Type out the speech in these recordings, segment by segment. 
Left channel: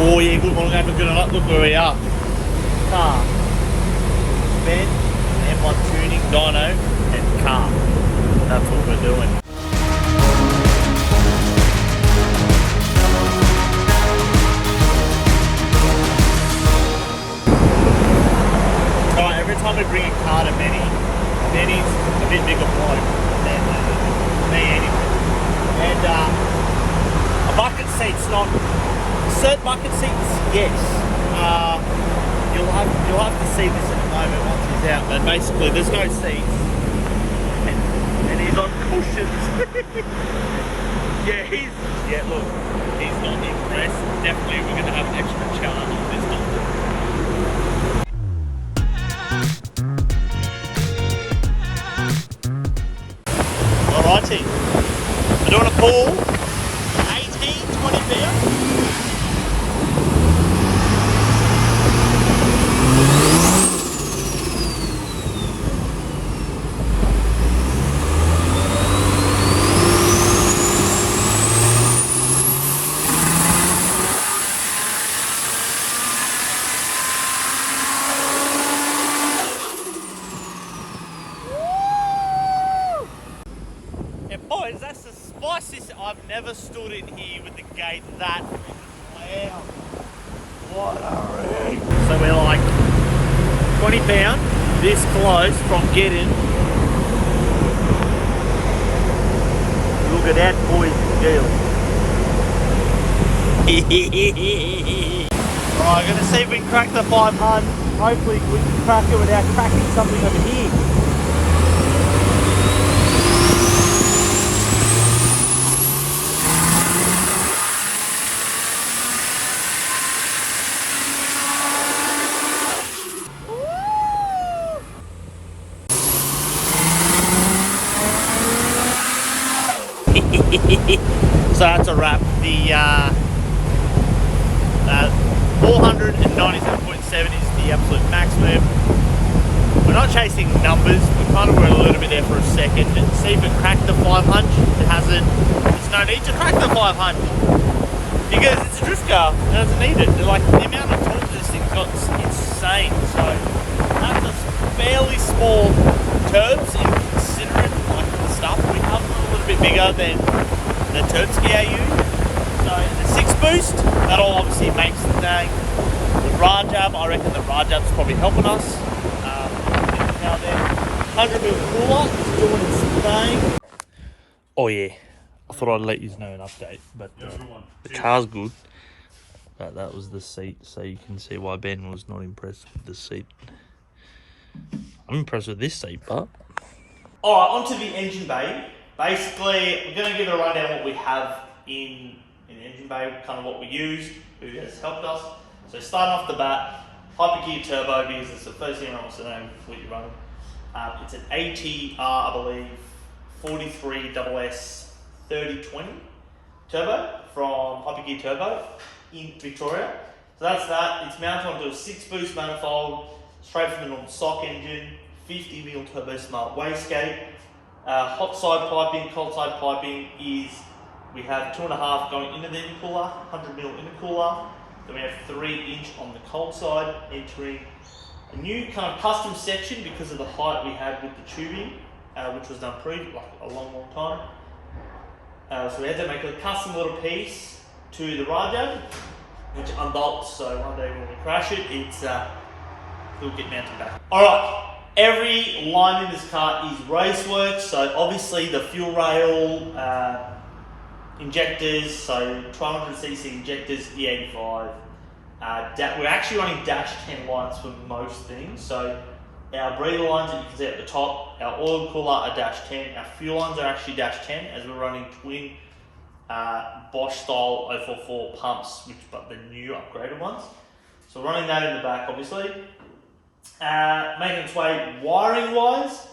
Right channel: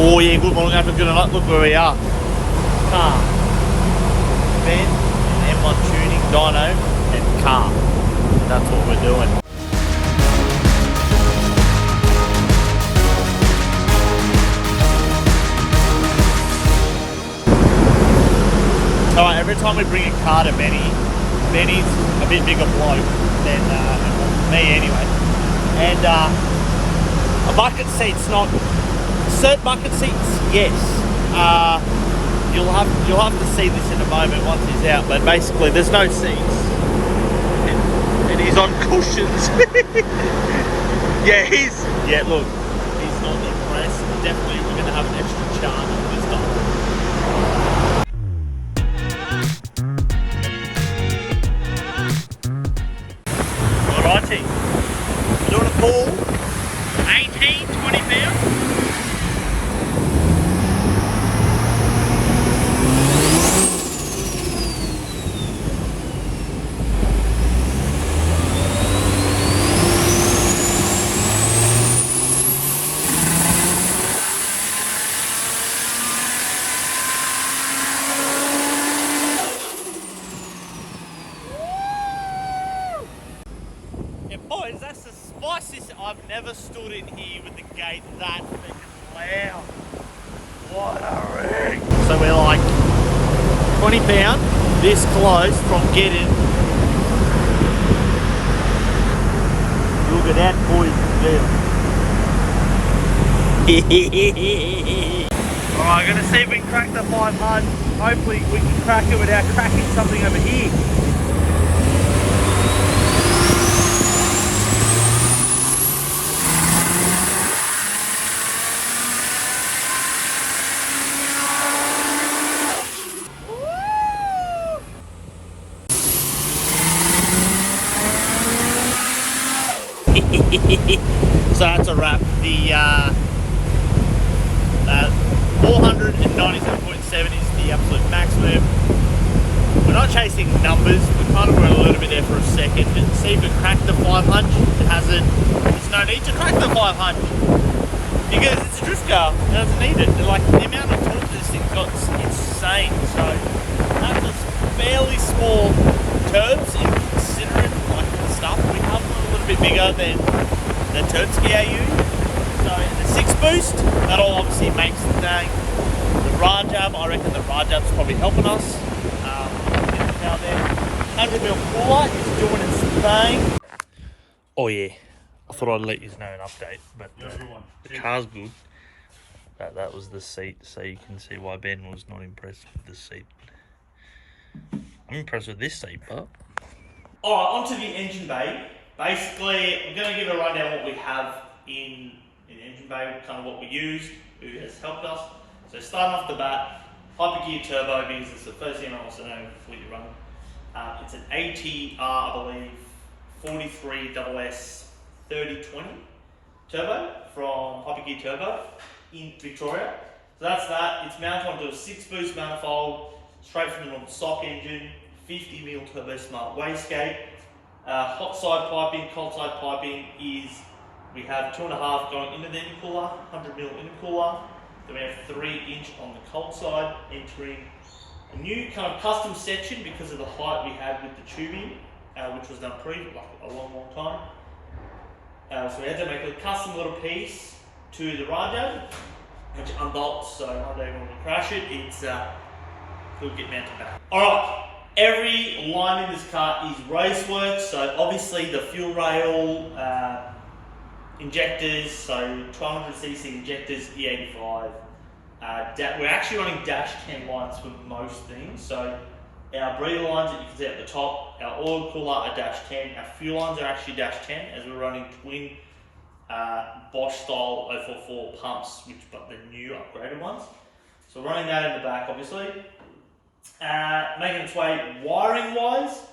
Oh yeah, good morning, have a good night. Look where we are. Car, Ben, M1 tuning, dyno, and car. That's what we're doing. Alright, every time we bring a car to Benny's a bit bigger bloke than me anyway. And a bucket seat's not. Certain bucket seats, yes. You'll have to see this in a moment once he's out. But basically, there's no seats, and he's on cushions. Look, he's not impressed. Definitely, we're gonna have an extra charge on this time. Alrighty, we're doing a pull. 20 pounds. Boys, that's the spiciest. I've never stood in here with the gate that loud. What a rig. So we're like 20 pound this close from getting. Look at that, boys and girls. Alright, gonna see if we can crack the 5-1. Hopefully we can crack it without cracking something over here. So that's a wrap. The 497.7 is the absolute maximum. We're not chasing numbers. We kind of were a little bit there for a second. And see if it cracked the 500. It hasn't. There's no need to crack the 500 because it's a drift car. It doesn't need it. Like the amount of torque this thing's got is insane. So that's a fairly small turbs in considering like the stuff we have a little bit bigger than the Turbski AU. So the 6 boost, that'll obviously make the thing. The Rajab, I reckon the Rajab's probably helping us. Now then, 100 mil cooler is doing its thing. Oh yeah, I thought I'd let you know an update, but the car's good. That was the seat, so you can see why Ben was not impressed with the seat. I'm impressed with this seat, but... Alright, onto the engine bay. Basically, I'm going to give it a rundown what we have in the engine bay, kind of what we used, who has helped us. So starting off the bat, hypergear turbo, because it's the first thing I want to know before you run. It's an ATR, I believe, 43 SS 3020 turbo from Hypergear Turbo in Victoria. So that's that. It's mounted onto a 6 boost manifold, straight from the normal stock engine, 50mm turbo smart wastegate. Hot side piping, cold side piping is, we have 2.5 going into the intercooler, 100mm intercooler. Then we have 3-inch on the cold side, entering a new kind of custom section because of the height we had with the tubing, which was done like a long time. So we had to make a custom little piece to the Rajab, which unbolts, so one day when we crash it, it'll get mounted back. Alright. Every line in this car is racework, so obviously the fuel rail, injectors, so 1200cc injectors, E85. We're actually running dash 10 lines for most things, so our breather lines that you can see at the top, our oil cooler are dash 10, our fuel lines are actually dash 10 as we're running twin Bosch style 044 pumps, but the new upgraded ones. So running that in the back obviously. Making its way wiring wise,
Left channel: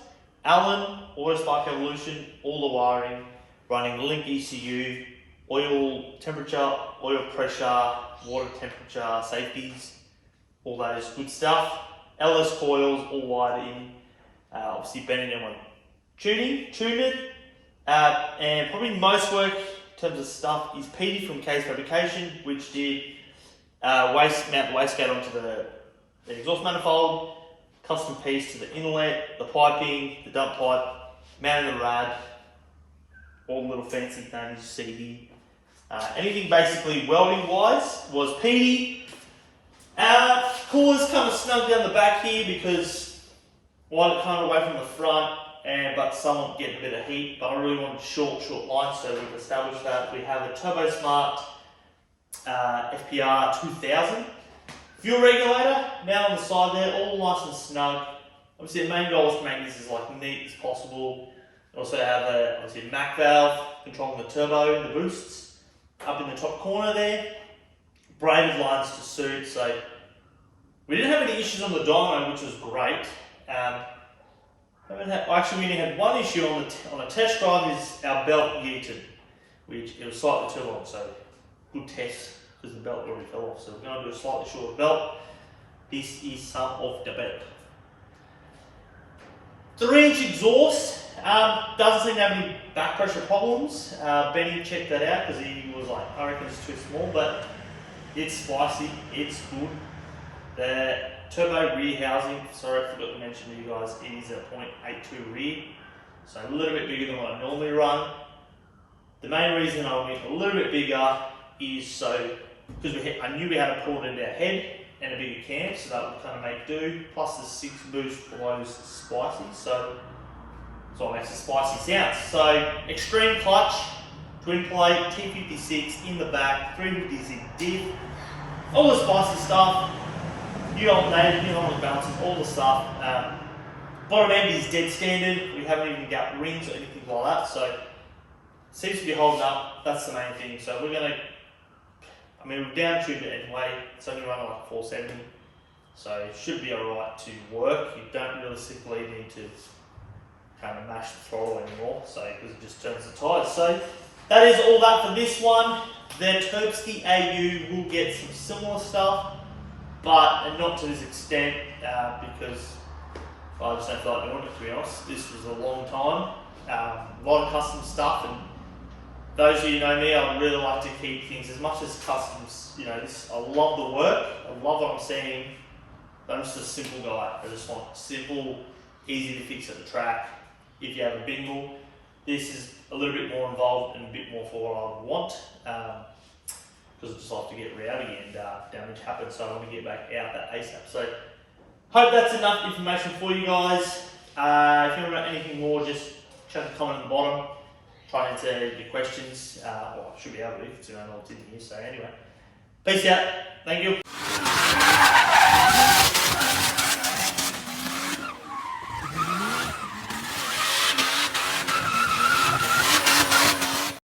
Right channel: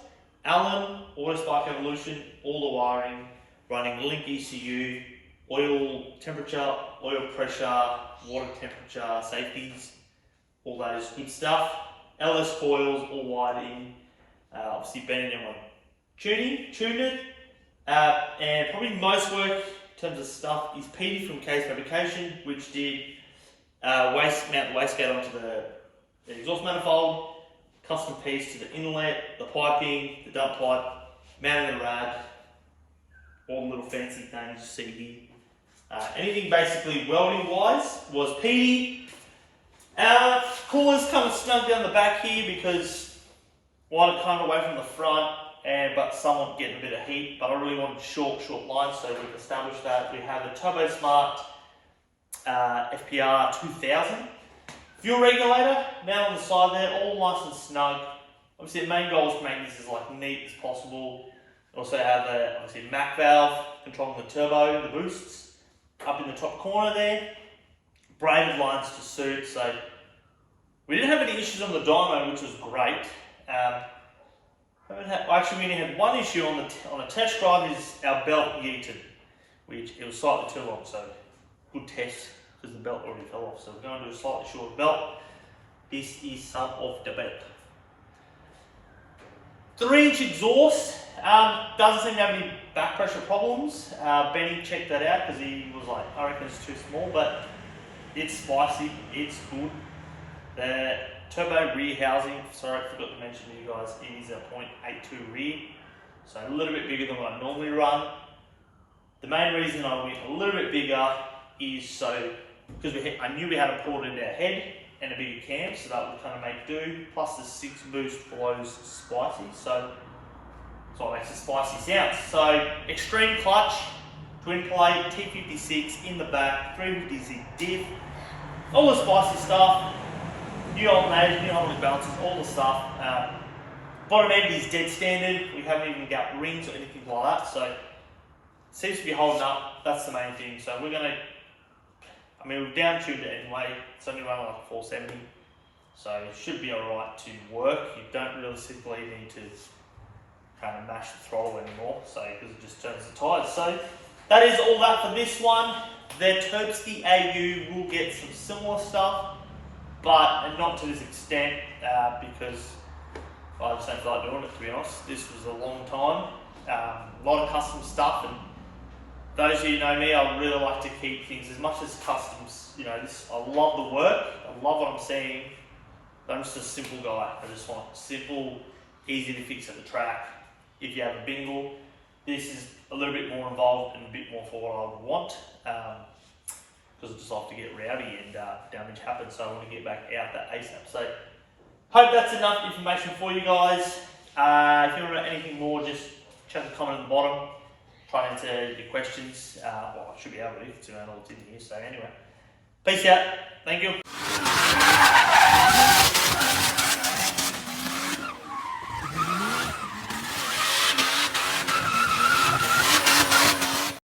Allen, Autospark Evolution, all the wiring, running link ECU, oil temperature, oil pressure, water temperature, safeties, all those good stuff. LS coils all wired in, obviously Bennett M1 tuned it, and probably most work in terms of stuff is Petey from Case Fabrication, which did mount the wastegate onto the exhaust manifold, custom piece to the inlet, the piping, the dump pipe, mounting the rad, all the little fancy things you see here. Anything basically welding wise was PD. Cooler's kind of snug down the back here because I want it kind of away from the front, but somewhat getting a bit of heat, but I really wanted short lines, so we've established that. We have a Turbo Smart FPR 2000 fuel regulator mounted on the side there, all nice and snug. Obviously the main goal is to make this as neat as possible. We also have obviously a Mac valve controlling the turbo, the boosts, up in the top corner there. Braided lines to suit, so we didn't have any issues on the dyno, which was great. Actually, we only had one issue on a test drive, is our belt yeeted, which it was slightly too long, so good test because the belt already fell off. So we're going to do a slightly shorter belt. This is some of the belt. 3-inch exhaust, doesn't seem to have any back pressure problems. Benny checked that out because he was like, I reckon it's too small, but it's spicy, it's good. The turbo rear housing, sorry I forgot to mention to you guys, is a 0.82 rear, so a little bit bigger than what I normally run. The main reason I went a little bit bigger is so, because I knew we had to pull it into our head and a bigger cam, so that would kind of make do, plus the 6 boost blows spicy, so that's what makes the spicy sounds. So extreme clutch, twin plate, T56 in the back, 350Z diff, all the spicy stuff, new alternators, new harmonic balances, all the stuff. Bottom end is dead standard, we haven't even got rings or anything like that, so it seems to be holding up, that's the main thing. So we're going to, we've down tuned it anyway, it's only running 470, so it should be alright to work. You don't really simply need to kind of mash the throttle anymore, so because it just turns the tyres. So that is all that for this one. The Terpsky AU will get some similar stuff, but not to this extent, because I just don't feel like doing it, to be honest. This was a long time, a lot of custom stuff, and those of you who know me, I really like to keep things as much as customs. I love the work, I love what I'm seeing, but I'm just a simple guy. I just want simple, easy to fix at the track. If you have a bingle, this is a little bit more involved and a bit more for what I would want, because I just like to get rowdy and damage happens, so I want to get back out that ASAP. So hope that's enough information for you guys. If you want to know anything more, just chuck a comment in the bottom. Try and answer your questions. Well, I should be able to, considering all it's in here. So anyway, peace out. Thank you.